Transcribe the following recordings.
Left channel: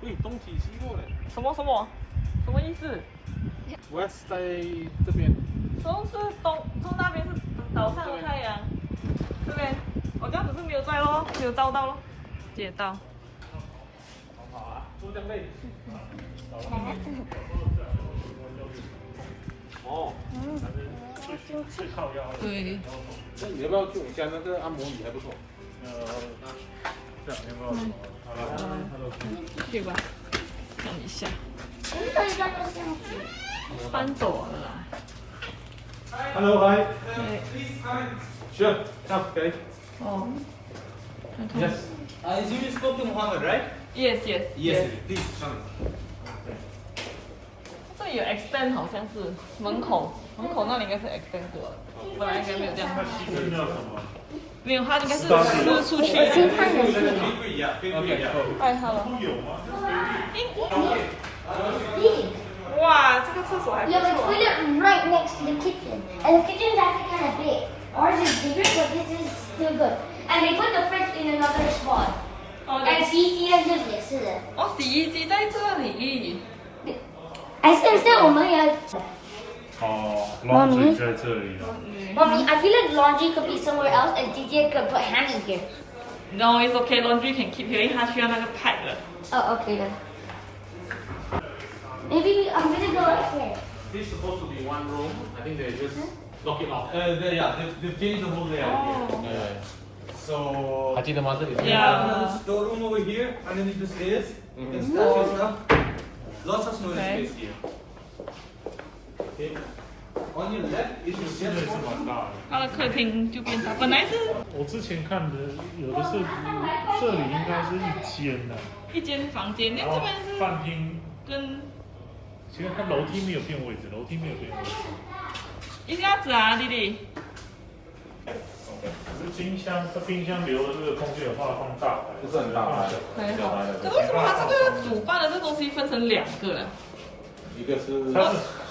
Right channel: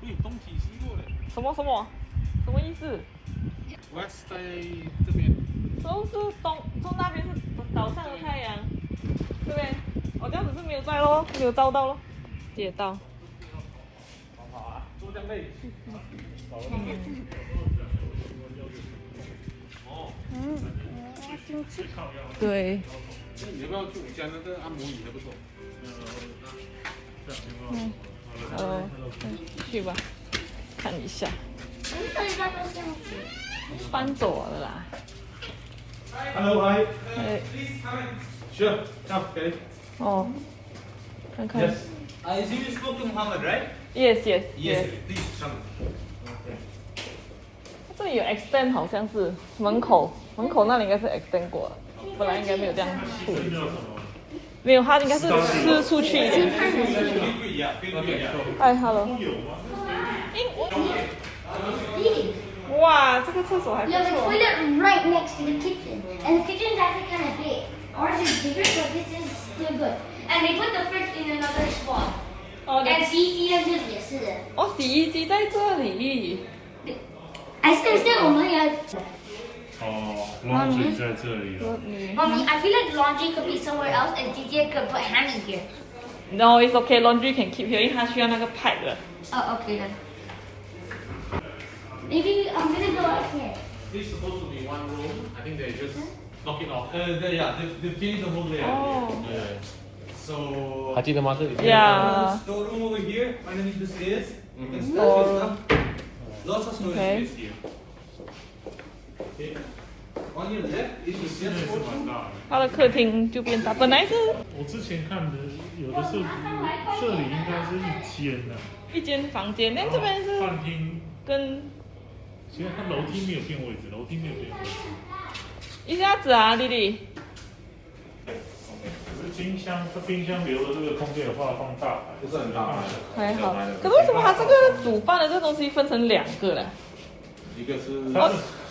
对，东体西过的。什么意思？ West 在这边。都是东那边是岛上的太阳，这边我这样子是没有照咯，没有照到咯，接到。哦。对。那你要不要去我家那个按摩椅还不错。去吧，看一下。翻走了啦。Hello, hi. Sure, okay. 哦，看看。 Yes. You spoke to Muhammad, right? Yes. Yes. Please come. 这里有 extend 好像是门口那里应该是 extend 过了，本来应该没有这样。没有，他应该是出去。太好了。哇，这个厕所还不错。You have a toilet right next to the kitchen, and the kitchen is actually kind of big. Ours is bigger, but this is still good. And they put the fridge in another spot. And 洗衣机在这里也是的。哦，洗衣机在这里。还是我们也。哦，laundry 在这里。Mommy, I feel like laundry could be somewhere else, and DJ could put hanging here. No, it's okay. Laundry can keep here， 因为它需要那个 pipe 的。Oh, okay then. Maybe I'm gonna go upstairs. This is supposed to be one room. I think they just lock it off. Yeah, they finish the whole layout. Yeah. So. 还记得吗？这里。Yeah. Storeroom over here, underneath the stairs. You can stack your stuff. Lots of storage space here. Okay. On your left is your guest portion. 它的客厅就变大，本来是我之前看的有的是这里应该是一间的，一间房间，那这边是饭厅跟其实它楼梯没有变位置，楼梯没有变位置。一下子啊，弟弟。可是冰箱，它冰箱留的这个空间有办法放大，不是很大牌的。还好。可是为什么它这个煮饭的这个东西分成两个啊？一个是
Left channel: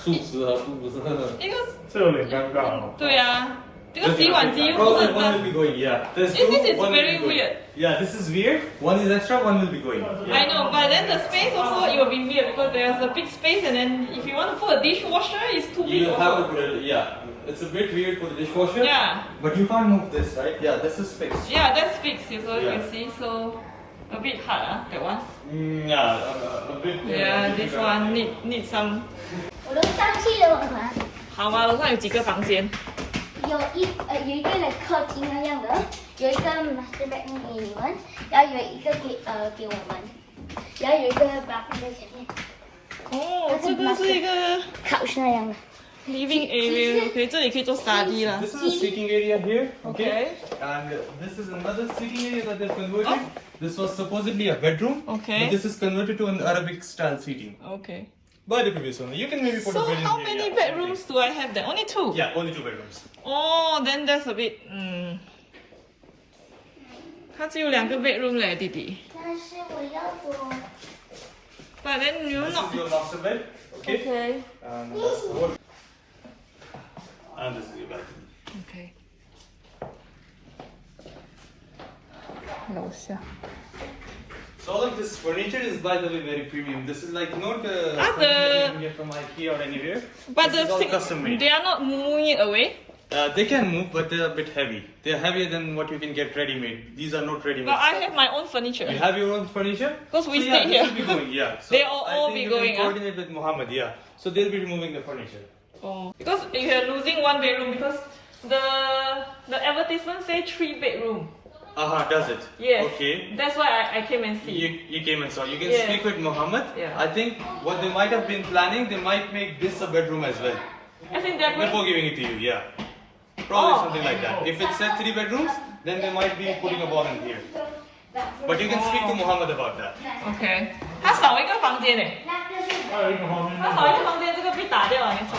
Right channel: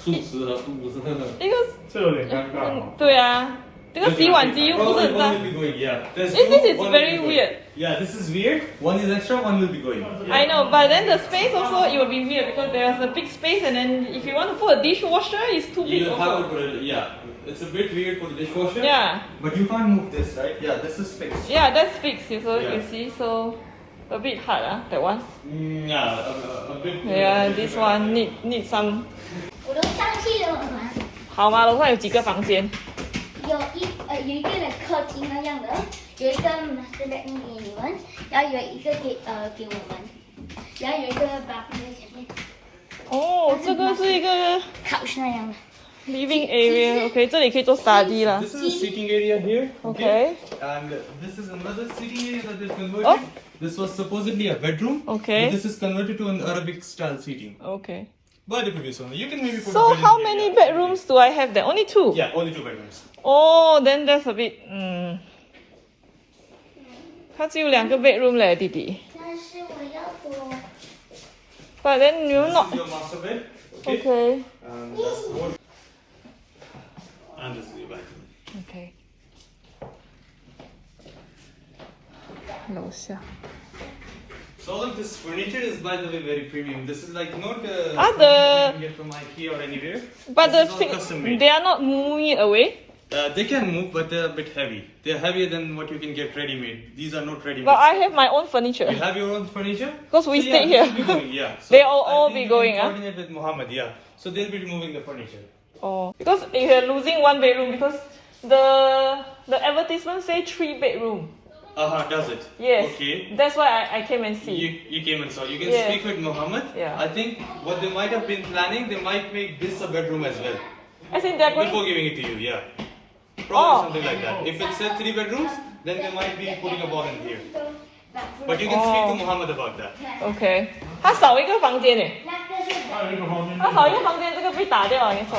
素食和不是那个。一个这有点尴尬哦。对啊，这个洗碗机不是很大。 One will be going, yeah. There's This is one will very be going. weird. Yeah, this is weird. One is extra, one will be going. I know, but then the space also it will be weird because there's a big space, and then if you want to put a dishwasher, it's too big. You have Also. to put it, yeah. It's a bit weird for the dishwasher. Yeah. But you can't move this, right? Yeah, this is fixed. Yeah, that's fixed. So you Yeah. can see, so a bit hard, that one. Yeah, a bit. Yeah, this one need some. 我楼上去了，我拿。好吗？楼上有几个房间？有一个的客厅那样的，有一个 master bedroom 给你们，然后有一个给我们，然后有一个 bathroom 在前面。哦，这个是一个 couch 那样的。 living area。OK， 这里可以做 study 啦。 This is a sitting area here. Okay. And this is another sitting area that they converted. Oh. This was supposedly a bedroom. Okay. But this is converted to an Arabic style seating. OK. But it could be so. You can maybe put a So bed in how here, many yeah. bedrooms do I have there? Only two. Yeah, only 2 bedrooms. Oh, then that's a bit. 它只有2个 bedroom 嘞，弟弟。但是我要多。But then you're This not. is your master bed. Okay. Okay. And that's the wall. And this is your bathroom. OK。楼下。 So all of this furniture is, by the way, very premium. This is like not Ah, something the- you can get from IKEA or anywhere. But This is all custom made. they are not moving it away. They can move, but they're a bit heavy. They're heavier than what you can get ready-made. These are not ready-made. But I have my own furniture. You have your own furniture? Because we So, stay this here. will be going, yeah. So They all I think be you going, can ah? coordinate with Muhammad, yeah. So they'll be removing the furniture. Oh, because you're losing 1 bedroom because the advertisement say 3 bedroom. Does it? Yes. Okay. That's why I came and see. You came and saw. You can Yeah. speak with Muhammad. Yeah. I think what they might have been planning, they might make this a bedroom as well. As in they're going. Before giving it to you, yeah. Probably Oh. something like that. If it said 3 bedrooms, then they might be putting a bomb in here. But you can speak to Muhammad about that. OK，它少一个房间呢，那个是还有一个后面它少一个房间，这个被打掉了，你说。